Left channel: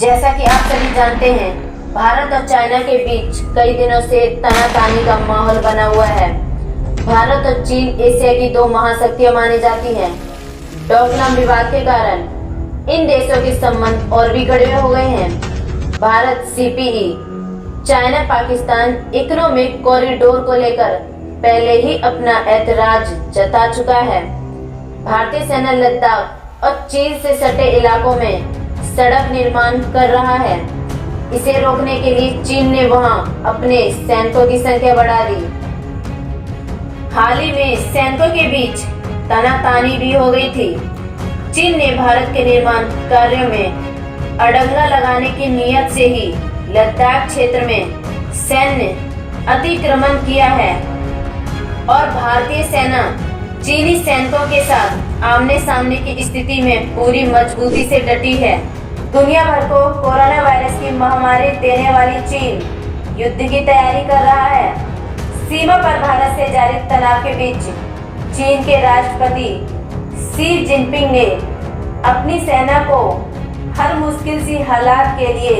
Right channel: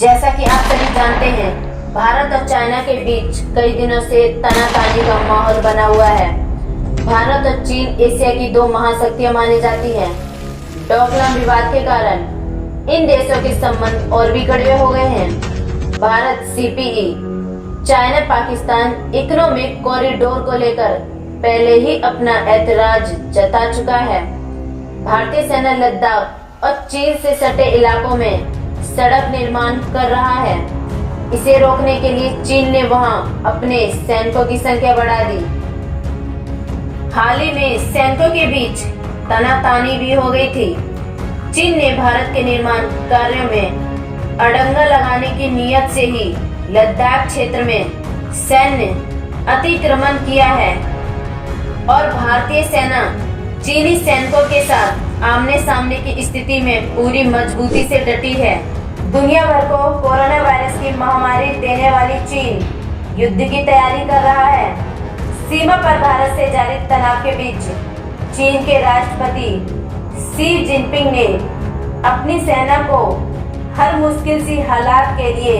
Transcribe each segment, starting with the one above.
जैसा कि आप सभी जानते हैं, भारत और चाइना के बीच कई दिनों से तनातनी का माहौल बना हुआ है। भारत और चीन एशिया की दो महाशक्तियां मानी जाती हैं। डोकलाम विवाद के कारण इन देशों के संबंध और भी कड़वे हो गए हैं। Bharat CPE China Pakistan economic corridor को लेकर पहले ही अपना ऐतराज जता चुका है। भारतीय सेना लद्दाख और चीन से सटे इलाकों में सड़क निर्माण कर रहा है। इसे रोकने के लिए चीन ने वहां अपने सैनिकों की संख्या बढ़ा दी। हाल ही में सैनिकों के बीच तनातनी भी हो गई थी। चीन ने भारत के निर्माण कार्यों में अड़ंगा लगाने की नीयत से ही लद्दाख क्षेत्र में सैन्य अतिक्रमण किया है और भारतीय सेना चीनी सैनिकों के साथ आमने सामने की स्थिति में पूरी मजबूती से डटी है। दुनिया भर को कोरोना वायरस की महामारी देने वाली चीन युद्ध की तैयारी कर रहा है। सीमा पर भारत से जारी तनाव के बीच चीन के राष्ट्रपति शी जिनपिंग ने अपनी सेना को हर मुश्किल सी हालात के लिए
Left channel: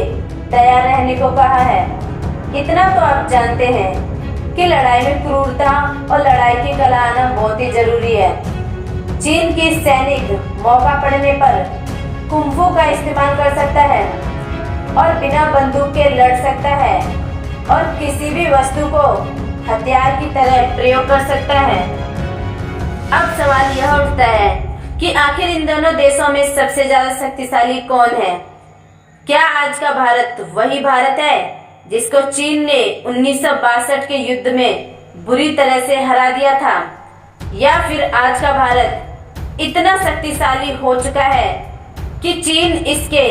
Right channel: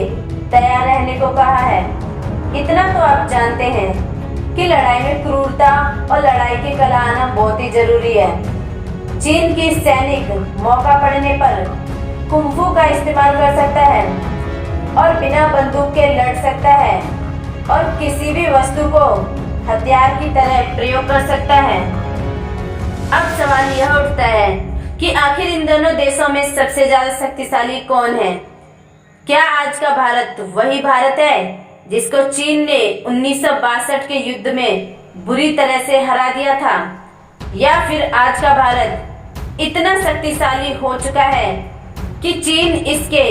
तैयार रहने को कहा है। इतना तो आप जानते हैं कि लड़ाई में क्रूरता और लड़ाई की कला आना बहुत ही जरूरी है। चीन की सैनिक मौका पड़ने पर कुंफू का इस्तेमाल कर सकता है और बिना बंदूक के लड़ सकता है और किसी भी वस्तु को हथियार की तरह प्रयोग कर सकता है। अब सवाल यह उठता है कि आखिर इन दोनों देशों में सबसे ज्यादा शक्तिशाली कौन है? क्या आज का भारत वही भारत है जिसको चीन ने 1962 के युद्ध में बुरी तरह से हरा दिया था, या फिर आज का भारत इतना शक्तिशाली हो चुका है कि चीन इसके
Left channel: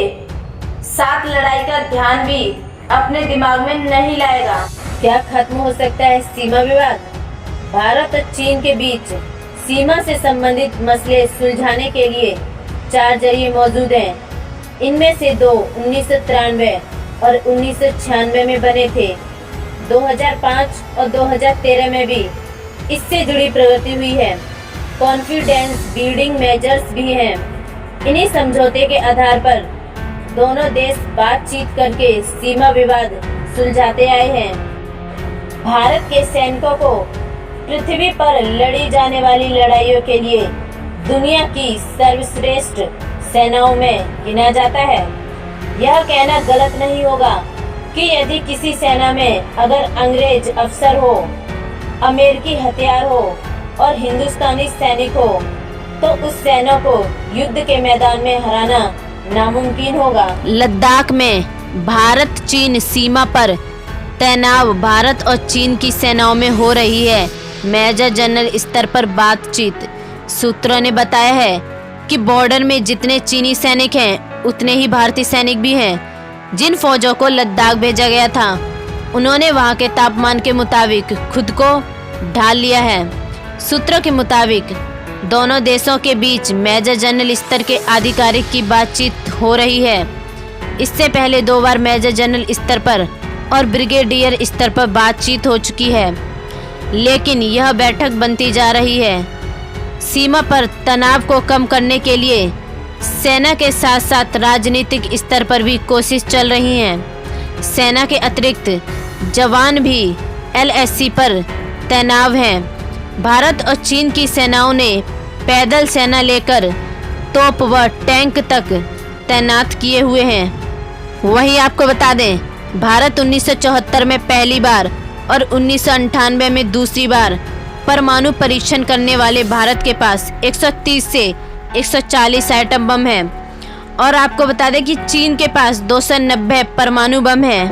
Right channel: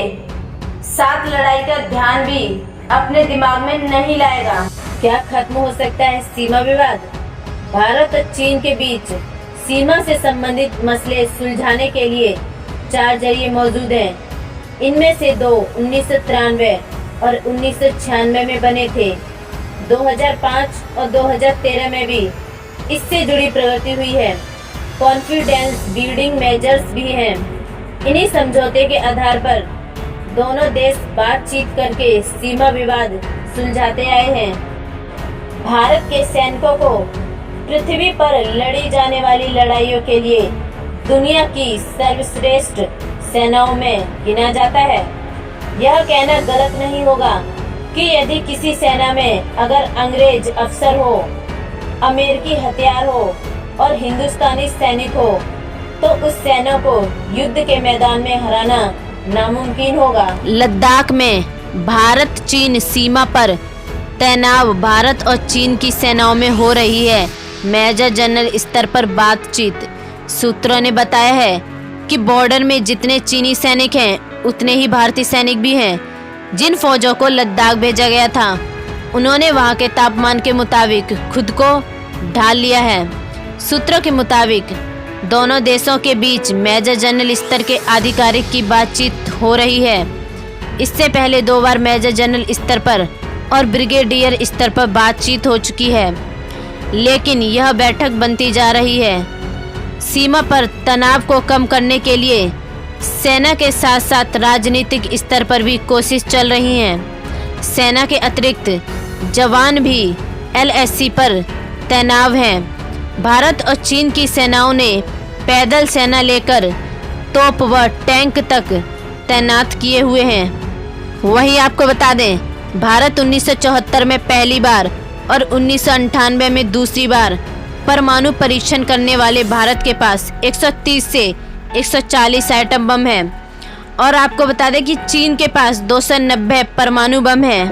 साथ लड़ाई का ध्यान भी अपने दिमाग में नहीं लाएगा? क्या खत्म हो सकता है सीमा विवाद? भारत और चीन के बीच सीमा से संबंधित मसले सुलझाने के लिए 4 जरिए मौजूद हैं। इनमें से 2 1993 और 1996 में बने थे। 2005 और 2013 में भी इससे जुड़ी प्रगति हुई है। कॉन्फिडेंस बिल्डिंग मेजर्स भी हैं। इन्हीं समझौते के आधार पर दोनों देश बातचीत करके सीमा विवाद सुलझाते आए हैं। भारत के सैनिकों को पृथ्वी पर लड़ी जाने वाली लड़ाइयों के लिए दुनिया की सर्वश्रेष्ठ सेनाओं में गिना जाता है। यह कहना गलत नहीं होगा कि यदि किसी सेना में अगर अंग्रेज अफसर हो, अमेरिकी हथियार हो और हिंदुस्तानी सैनिक हो तो उस सेना को युद्ध के मैदान में हराना नामुमकिन होगा। लद्दाख में भारत चीन सीमा पर तनाव भारत और चीन की सेनाओं में हो रही है। मेजर जनरल स्तर पर बातचीत। सूत्रों ने बताया है कि बॉर्डर में जितने चीनी सैनिक हैं उतने ही भारतीय सैनिक भी हैं। जिन फौजों को लद्दाख भेजा गया था उन्होंने वहां के तापमान के मुताबिक खुद को ढाल लिया है। सूत्रों के मुताबिक दोनों देशों के बीच मेजर जनरल स्तर के अधिकारिक की बातचीत हो रही है। इससे पहले 2 बार मेजर जनरल स्तर पर और ब्रिगेडियर स्तर पर बातचीत हो चुकी है, लेकिन यह बैठक बनती जा रही है। सीमा पर तनाव को कम करने के लिए सेना के साथ साथ राजनीतिक स्तर पर भी कोशिश चल रही है। सेना के अतिरिक्त जवान भी LAC पर तैनात हैं। भारत और चीन की सेनाओं ने पैदल सेना लेकर तोप व टैंक तक तैनात किए हुए हैं। वहीं आपको बता दें, भारत 1974 में पहली बार और 1998 में दूसरी बार परमाणु परीक्षण करने वाले भारत के पास 130 से 140 एटम बम हैं और आपको बता दें कि चीन के पास 290 परमाणु बम हैं।